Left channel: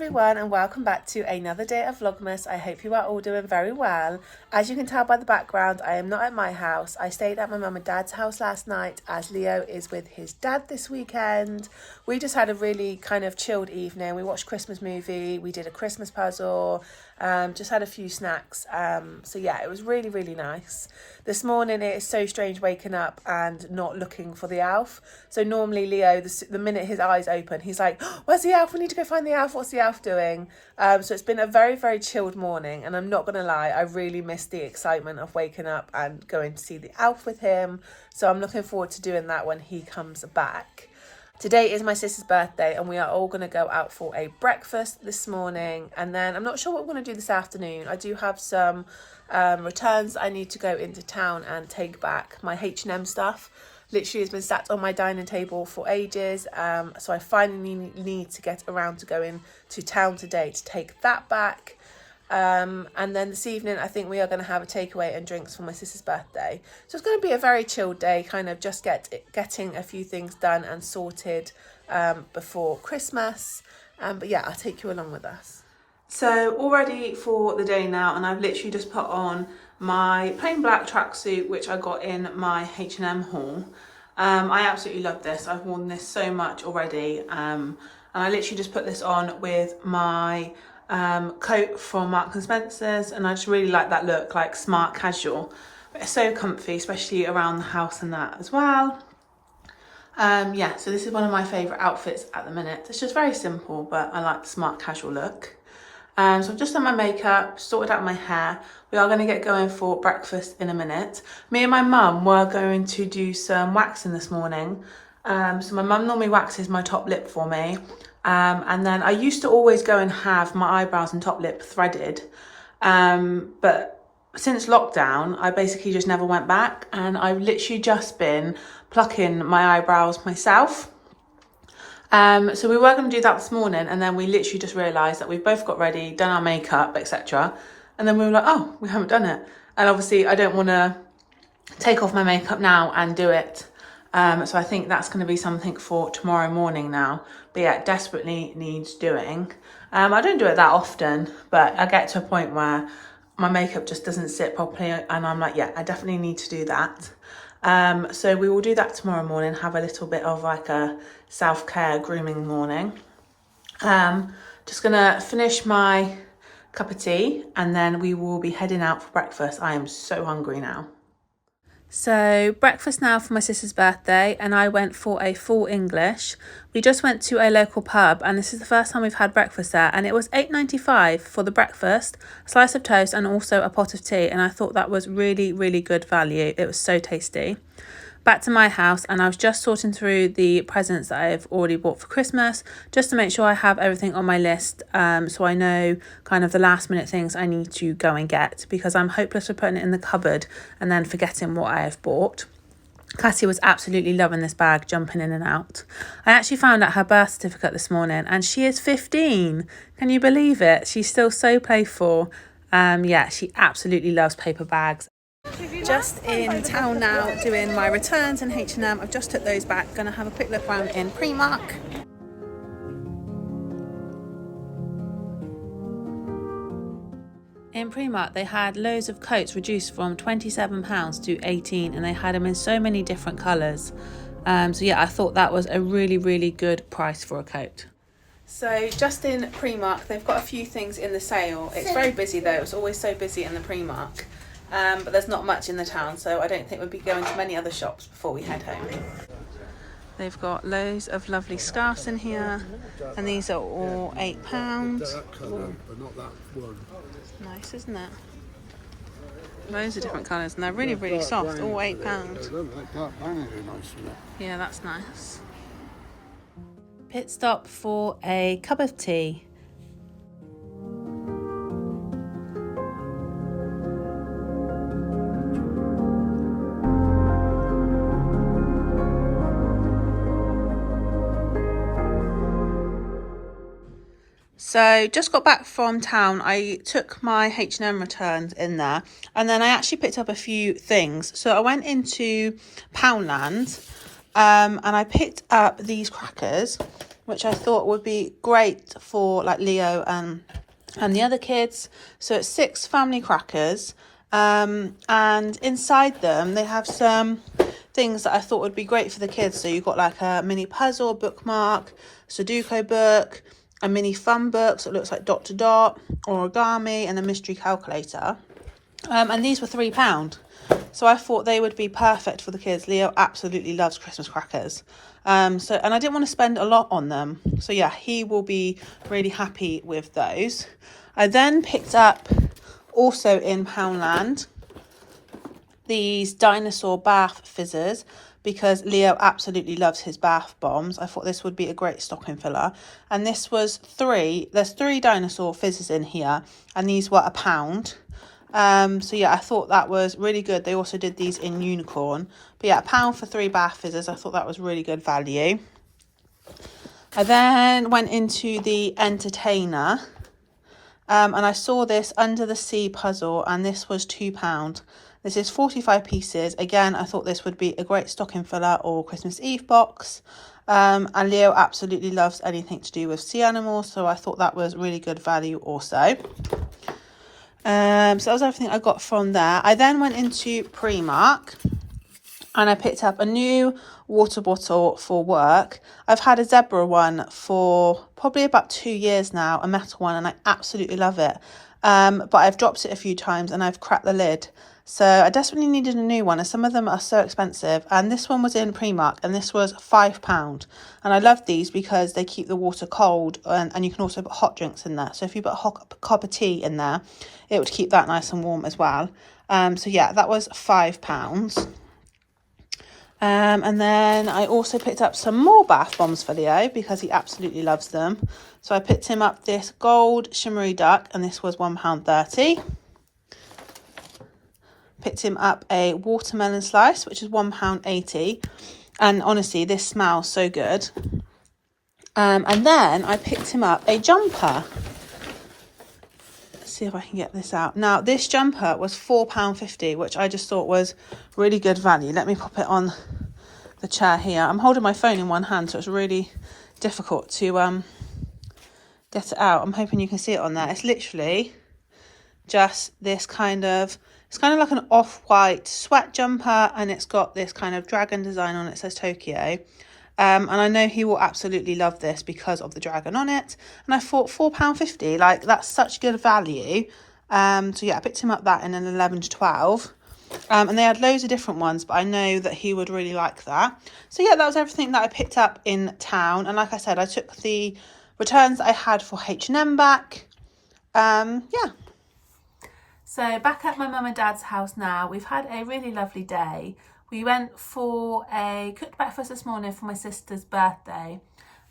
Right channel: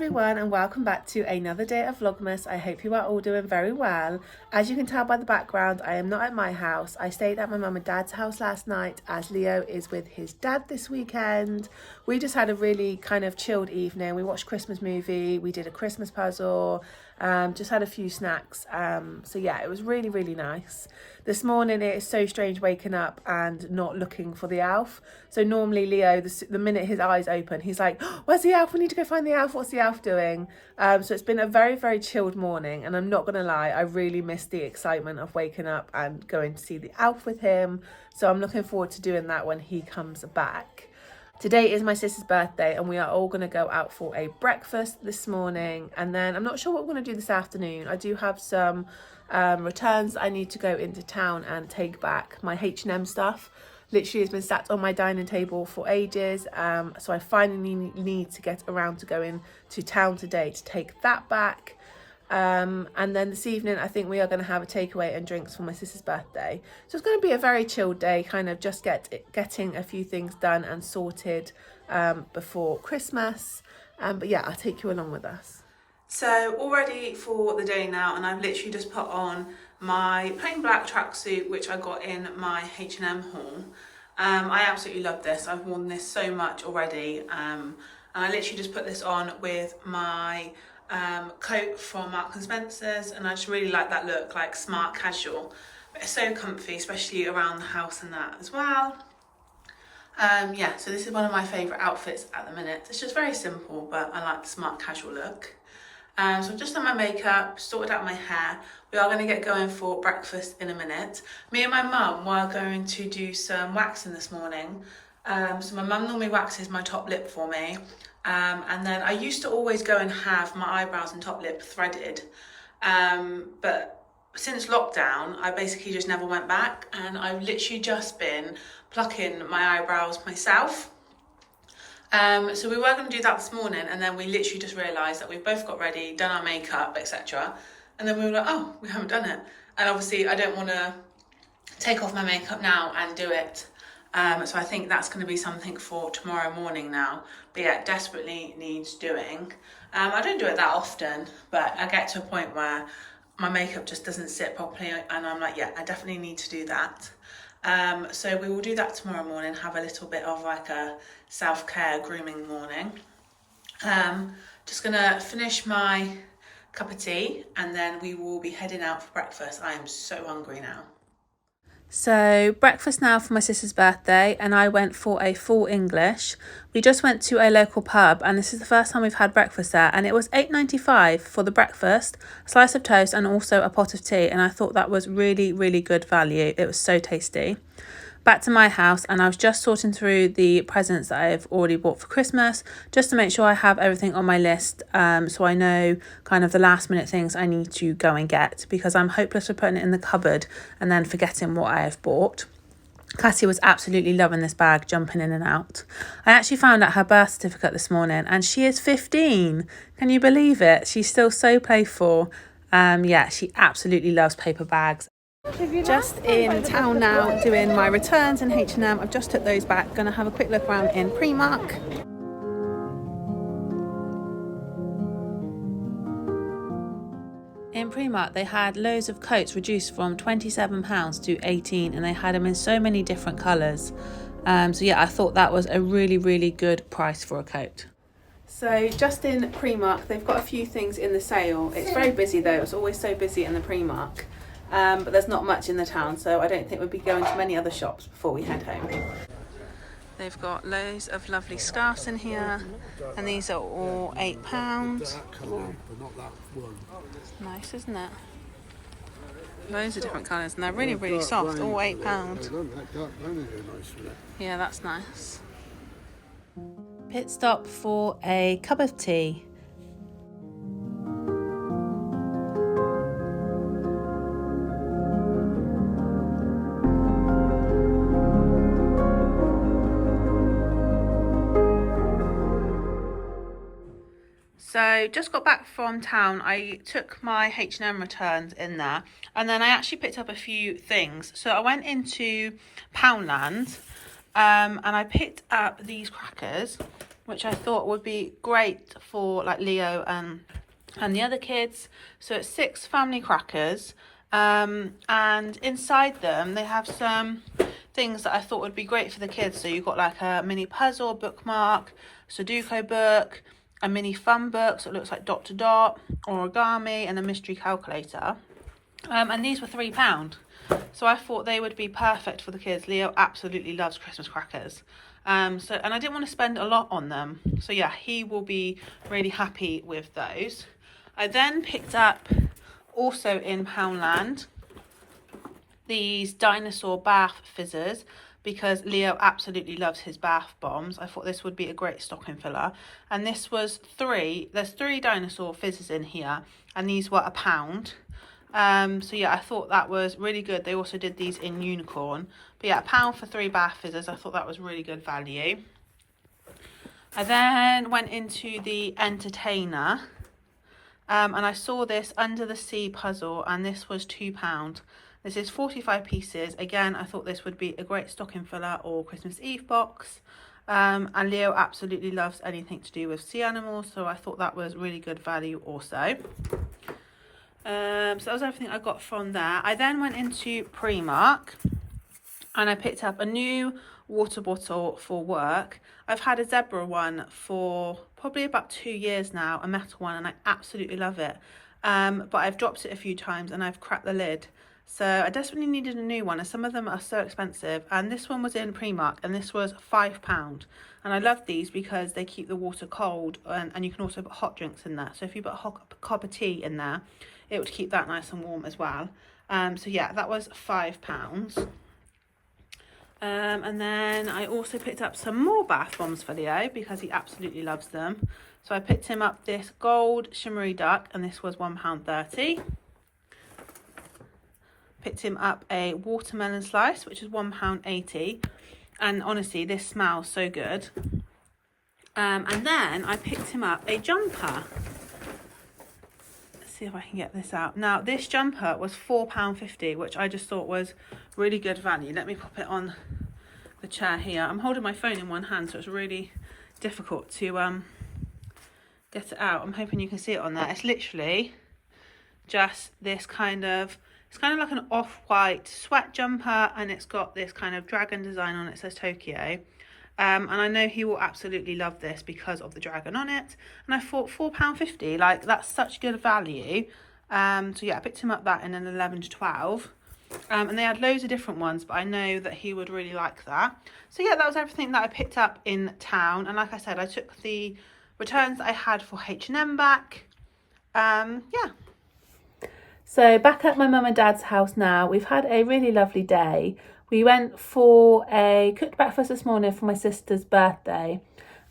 everyone and welcome back to another day of Vlogmas. I hope you are all doing very well. As you can tell by the background, I am not at my house. I stayed at my mum and dad's house last night as Leo is with his dad this weekend. We just had a really kind of chilled evening. We watched Christmas movie, we did a Christmas puzzle, just had a few snacks. So yeah, it was really nice. This morning it is so strange waking up and not looking for the elf. So normally Leo, the minute his eyes open, he's like, oh, where's the elf? We need to go find the elf. What's the elf doing? So it's been a very chilled morning, and I'm not going to lie, I really missed the excitement of waking up and going to see the elf with him. So I'm looking forward to doing that when he comes back. Today is my sister's birthday and we are all going to go out for a breakfast this morning, and then I'm not sure what we're going to do this afternoon. I do have some returns I need to go into town and take back. My H&M stuff literally has been sat on my dining table for ages, so I finally need to get around to going to town today to take that back. And then this evening I think we are going to have a takeaway and drinks for my sister's birthday. So it's going to be a very chilled day, kind of just getting a few things done and sorted before Christmas. But yeah, I'll take you along with us. So all ready for the day now, and I've literally just put on my plain black tracksuit which I got in my H&M haul. I absolutely love this. I've worn this so much already, and I literally just put this on with my coat from Marks and Spencer's, and I just really like that look, like smart casual, but it's so comfy, especially around the house and that as well. Yeah, so this is one of my favourite outfits at the minute. It's just very simple, but I like the smart casual look. So I've just done my makeup, sorted out my hair. We are going to get going for breakfast in a minute. Me and my mum were going to do some waxing this morning. So my mum normally waxes my top lip for me. And then I used to always go and have my eyebrows and top lip threaded. But since lockdown, I basically just never went back. And I've literally just been plucking my eyebrows myself. So we were going to do that this morning, and then we literally just realised that we've both got ready, done our makeup, etc. And then we were like, oh, we haven't done it. And obviously I don't want to take off my makeup now and do it. So I think that's going to be something for tomorrow morning now. But yeah, it desperately needs doing. I don't do it that often, but I get to a point where my makeup just doesn't sit properly, and I'm like, yeah, I definitely need to do that. So we will do that tomorrow morning, have a little bit of like a self-care grooming morning. Just gonna finish my cup of tea and then we will be heading out for breakfast. I am so hungry now. So breakfast now for my sister's birthday, and I went for a full English. We just went to a local pub, and this is the first time we've had breakfast there, and it was £8.95 for the breakfast, a slice of toast and also a pot of tea, and I thought that was really good value. It was so tasty. Back to my house, and I was just sorting through the presents that I've already bought for Christmas, just to make sure I have everything on my list, so I know kind of the last minute things I need to go and get, because I'm hopeless for putting it in the cupboard and then forgetting what I have bought. Cassie was absolutely loving this bag, jumping in and out. I actually found out her birth certificate this morning, and she is 15. Can you believe it? She's still so playful. Yeah, she absolutely loves paper bags. Just in town now doing my returns in H&M. I've just took those back. Gonna have a quick look around in Primark. In Primark they had loads of coats reduced from £27 to £18, and they had them in so many different colours. So yeah, I thought that was a really good price for a coat. So just in Primark, they've got a few things in the sale. It's very busy though. It's always so busy in the Primark. But there's not much in the town, so I don't think we'll be going to many other shops before we head home. They've got loads of lovely scarves in here, and these are all £8. Nice, isn't it? Loads of different colours, and they're really soft, all £8. Yeah, that's nice. Pit stop for a cup of tea. So just got back from town. I took my H&M returns in there, and then I actually picked up a few things. So I went into Poundland, and I picked up these crackers, which I thought would be great for like Leo and the other kids. So it's 6 family crackers, and inside them they have some things that I thought would be great for the kids. So you've got like a mini puzzle, bookmark, Sudoku book, a mini fun book, so it looks like dot to dot, origami, and a mystery calculator. And these were £3. So I thought they would be perfect for the kids. Leo absolutely loves Christmas crackers. And I didn't want to spend a lot on them. So yeah, he will be really happy with those. I then picked up, also in Poundland, these dinosaur bath fizzers, because Leo absolutely loves his bath bombs. I thought this would be a great stocking filler. And this was there's 3 dinosaur fizzers in here, and these were £1. So yeah, I thought that was really good. They also did these in unicorn, but yeah, £1 for 3 bath fizzers. I thought that was really good value. I then went into the entertainer, and I saw this under the sea puzzle, and this was £2. This is 45 pieces. Again, I thought this would be a great stocking filler or Christmas Eve box. And Leo absolutely loves anything to do with sea animals, so I thought that was really good value also. So that was everything I got from there. I then went into Primark, and I picked up a new water bottle for work. I've had a zebra one for probably about 2 years now, a metal one, and I absolutely love it. But I've dropped it a few times and I've cracked the lid. So I desperately needed a new one, and some of them are so expensive. And this one was in Primark, and this was £5. And I love these because they keep the water cold, and you can also put hot drinks in there. So if you put a hot cup of tea in there, it would keep that nice and warm as well. So yeah, that was £5. And then I also picked up some more bath bombs for Leo because he absolutely loves them. So I picked him up this gold shimmery duck, and this was £1.30. Picked him up a watermelon slice, which is £1.80. And honestly, this smells so good. And then I picked him up a jumper. Let's see if I can get this out. Now, this jumper was £4.50, which I just thought was really good value. Let me pop it on the chair here. I'm holding my phone in one hand, so it's really difficult to get it out. I'm hoping you can see it on there. It's literally just this kind of... It's kind of like an off-white sweat jumper, and it's got this kind of dragon design on it. It says Tokyo. And I know he will absolutely love this because of the dragon on it. And I thought £4.50, like that's such good value. So yeah, I picked him up that in an 11 to 12. And they had loads of different ones, but I know that he would really like that. So yeah, that was everything that I picked up in town. And like I said, I took the returns that I had for H&M back. Yeah. So back at my mum and dad's house now. We've had a really lovely day. We went for a cooked breakfast this morning for my sister's birthday.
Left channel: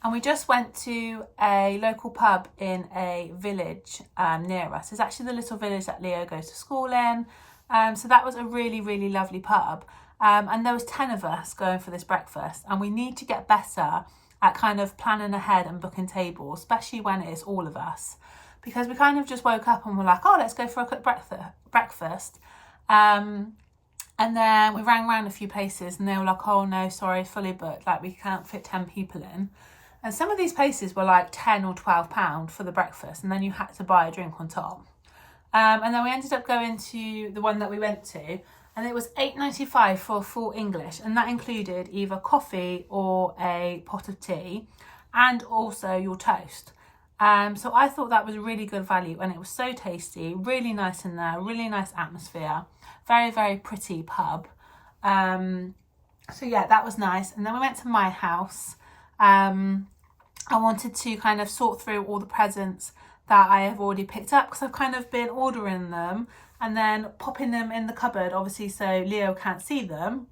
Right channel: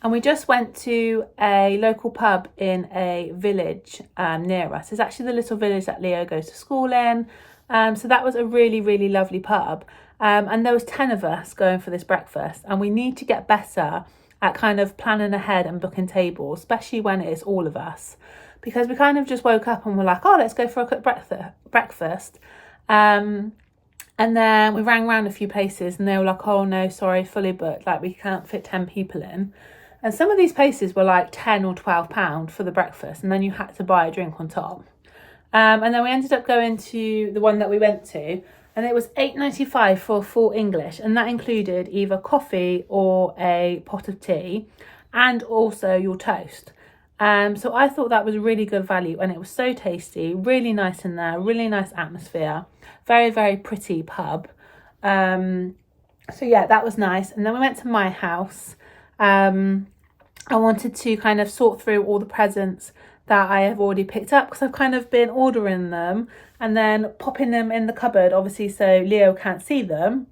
And we just went to a local pub in a village near us. It's actually the little village that Leo goes to school in. So that was a really, really lovely pub. And there was 10 of us going for this breakfast. And we need to get better at kind of planning ahead and booking tables, especially when it is all of us. Because we kind of just woke up and were like, oh, let's go for a quick breakfast. And then we rang around a few places and they were like, oh, no, sorry, fully booked. Like, we can't fit 10 people in. And some of these places were like £10 or £12 for the breakfast. And then you had to buy a drink on top. And then we ended up going to the one that we went to. And it was £8.95 for full English. And that included either coffee or a pot of tea. And also your toast. So I thought that was really good value, and it was so tasty, really nice in there, really nice atmosphere, very, very pretty pub. So yeah, that was nice. And then we went to my house. I wanted to kind of sort through all the presents that I have already picked up, because I've kind of been ordering them and then popping them in the cupboard, obviously, so Leo can't see them.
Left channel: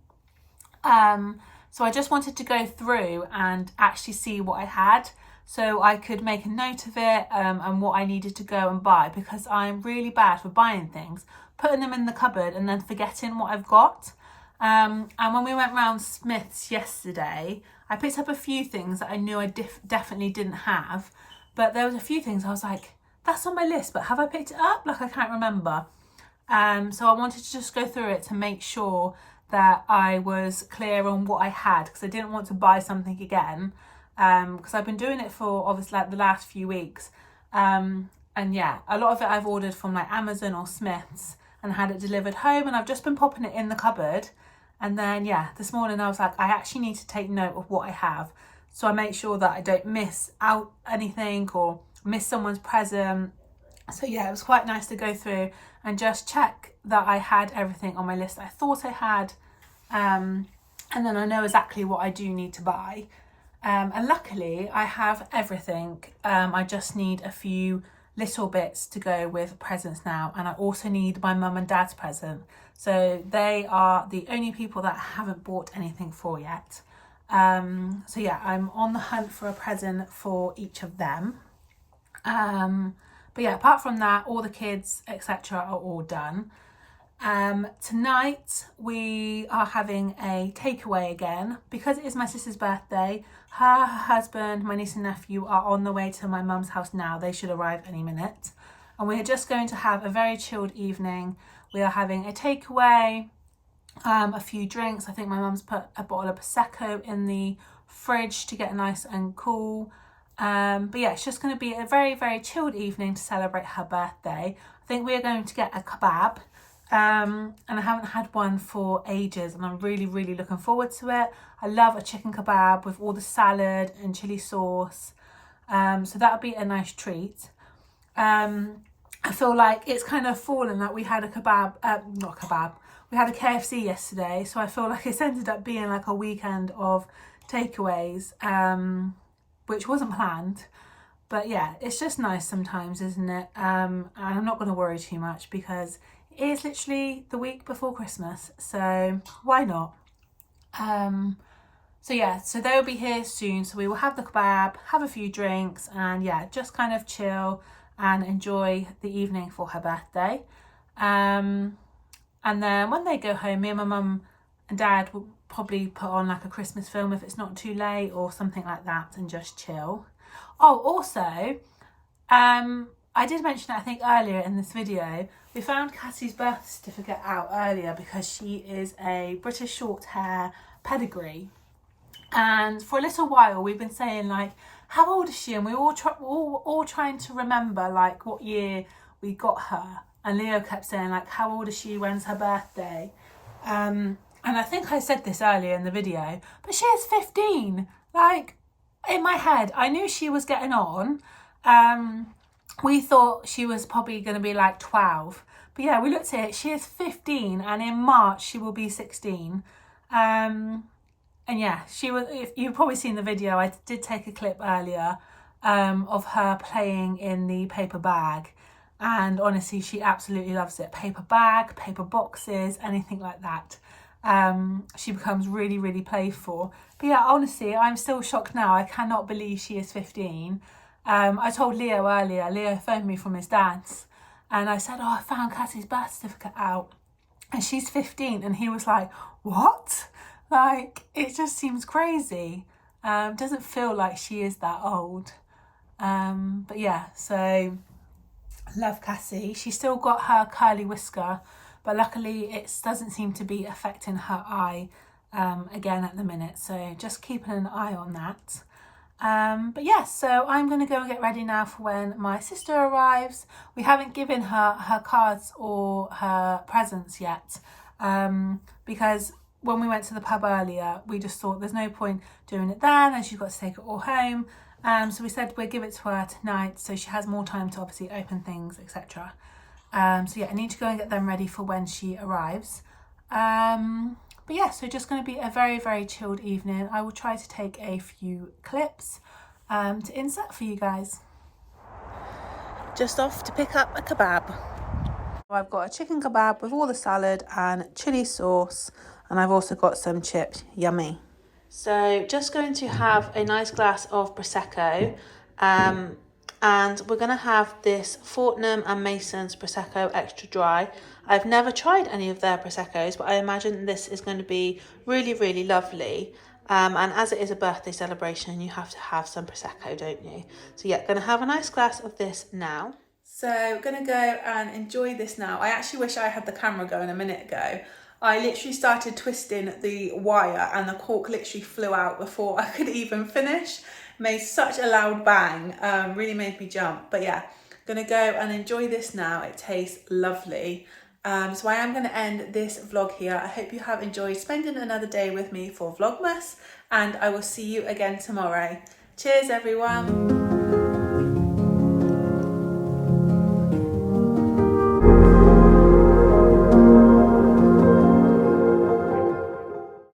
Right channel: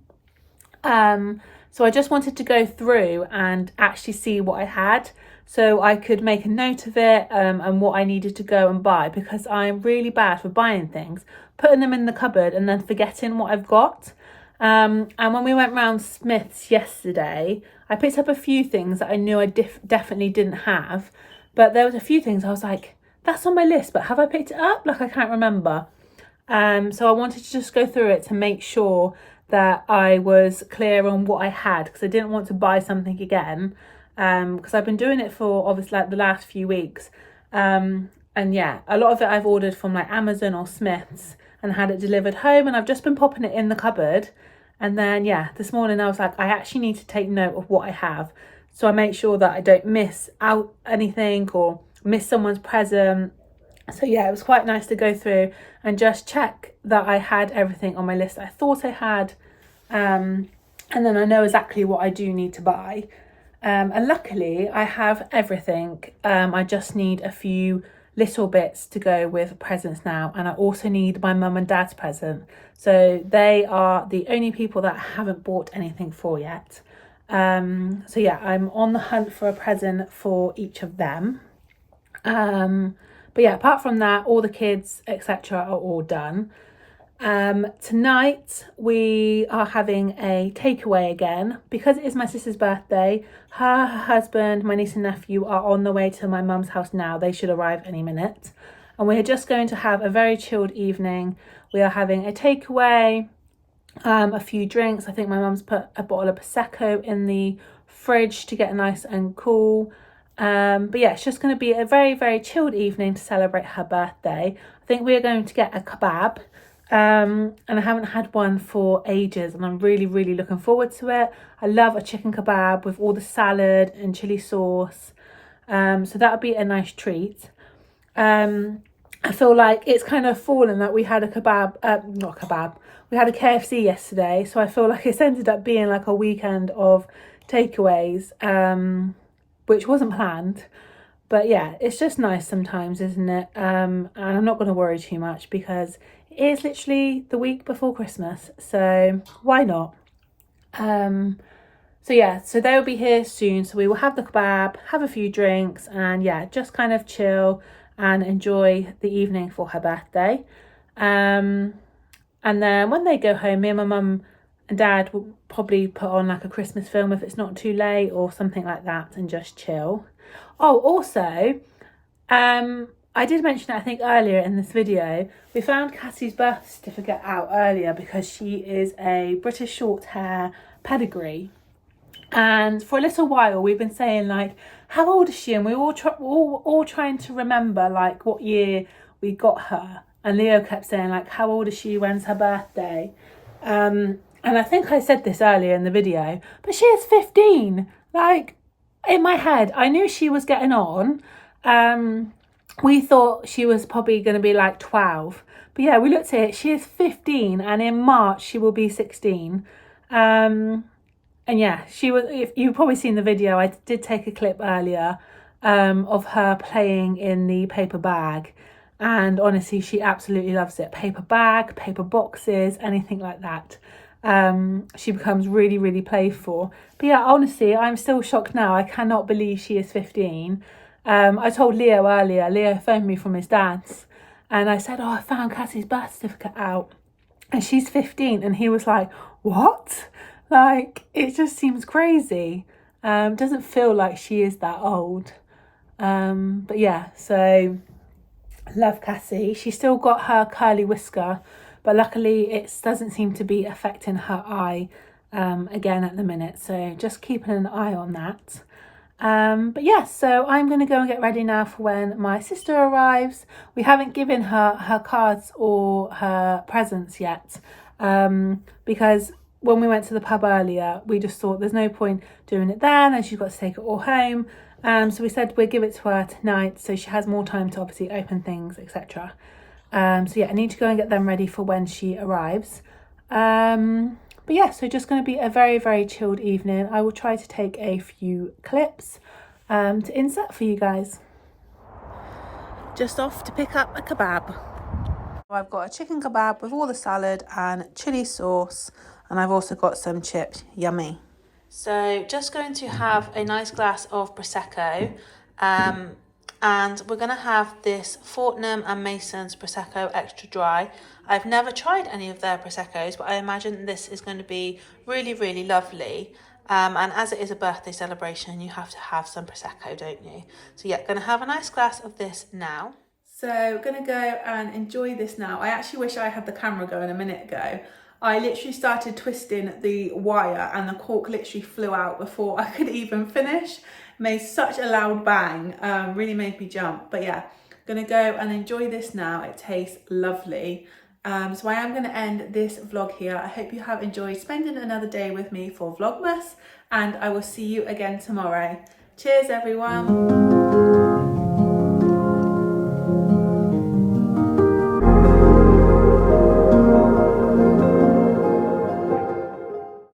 So I just wanted to go through and actually see what I had, so I could make a note of it and what I needed to go and buy, because I'm really bad for buying things, putting them in the cupboard and then forgetting what I've got. And when we went round Smith's yesterday, I picked up a few things that I knew I definitely didn't have, but there was a few things I was like, that's on my list, but have I picked it up? Like, I can't remember. So I wanted to just go through it to make sure that I was clear on what I had, because I didn't want to buy something again because I've been doing it for obviously like the last few weeks. And yeah, a lot of it I've ordered from like Amazon or Smith's and had it delivered home, and I've just been popping it in the cupboard. And then yeah, this morning I was like, I actually need to take note of what I have, so I make sure that I don't miss out anything or miss someone's present. So yeah, it was quite nice to go through and just check that I had everything on my list that I thought I had, and then I know exactly what I do need to buy. And luckily I have everything. I just need a few little bits to go with presents now, and I also need my mum and dad's present. So they are the only people that I haven't bought anything for yet. So yeah, I'm on the hunt for a present for each of them. But yeah, apart from that, all the kids etc are all done. Tonight we are having a takeaway again because it is my sister's birthday. Her husband, my niece and nephew are on the way to my mum's house now. They should arrive any minute, and we're just going to have a very chilled evening. We are having a takeaway, a few drinks. I think my mum's put a bottle of Prosecco in the fridge to get nice and cool. But yeah, it's just going to be a very, very chilled evening to celebrate her birthday. I think we're going to get a kebab, and I haven't had one for ages, and I'm really, really looking forward to it. I love a chicken kebab with all the salad and chili sauce, so that would be a nice treat. I feel like it's kind of fallen that we had a we had a KFC yesterday, so I feel like it's ended up being like a weekend of takeaways, which wasn't planned. But yeah, it's just nice sometimes, isn't it? And I'm not going to worry too much because it is literally the week before Christmas, so why not? So yeah, so they'll be here soon, so we will have the kebab, have a few drinks, and yeah, just kind of chill and enjoy the evening for her birthday. And then when they go home, me and my mum and dad will probably put on like a Christmas film if it's not too late or something like that, and just chill. Oh, also, I did mention it I think earlier in this video, we found Cassie's birth certificate out earlier because she is a British short hair pedigree, and for a little while we've been saying like, how old is she? And we were all trying to remember like what year we got her, and Leo kept saying like, how old is she, when's her birthday? And I think I said this earlier in the video, but she is 15. Like, in my head I knew she was getting on. We thought she was probably going to be like 12, but yeah, we looked at it, she is 15, and in March she will be 16. And yeah, she was, if you've probably seen the video, I did take a clip earlier of her playing in the paper bag, and honestly she absolutely loves it. Paper bag, paper boxes, anything like that. She becomes really, really playful. But yeah, honestly, I'm still shocked now. I cannot believe she is 15. I told Leo earlier, Leo phoned me from his dad's, and I said, oh, I found Cassie's birth certificate out and she's 15. And he was like, what? Like, it just seems crazy. Doesn't feel like she is that old. But yeah, so love Cassie. She's still got her curly whisker, but luckily it doesn't seem to be affecting her eye again at the minute, so just keeping an eye on that. But yeah, so I'm going to go and get ready now for when my sister arrives. We haven't given her cards or her presents yet, because when we went to the pub earlier, we just thought there's no point doing it then, and she's got to take it all home. So we said we'll give it to her tonight, so she has more time to obviously open things, etc. So yeah, I need to go and get them ready for when she arrives. But yeah, so just going to be a very, very chilled evening. I will try to take a few clips to insert for you guys. Just off to pick up a kebab. I've got a chicken kebab with all the salad and chili sauce, and I've also got some chips. Yummy. So just going to have a nice glass of Prosecco, and we're going to have this Fortnum and Mason's Prosecco extra dry. I've never tried any of their Proseccos, but I imagine this is going to be really, really lovely. And as it is a birthday celebration, you have to have some Prosecco, don't you? So yeah, going to have a nice glass of this now. So going to go and enjoy this now. I actually wish I had the camera going a minute ago. I literally started twisting the wire and the cork literally flew out before I could even finish. made such a loud bang, really made me jump. But yeah, gonna go and enjoy this now. It tastes lovely. So I am going to end this vlog here. I hope you have enjoyed spending another day with me for Vlogmas, and I will see you again tomorrow. Cheers everyone.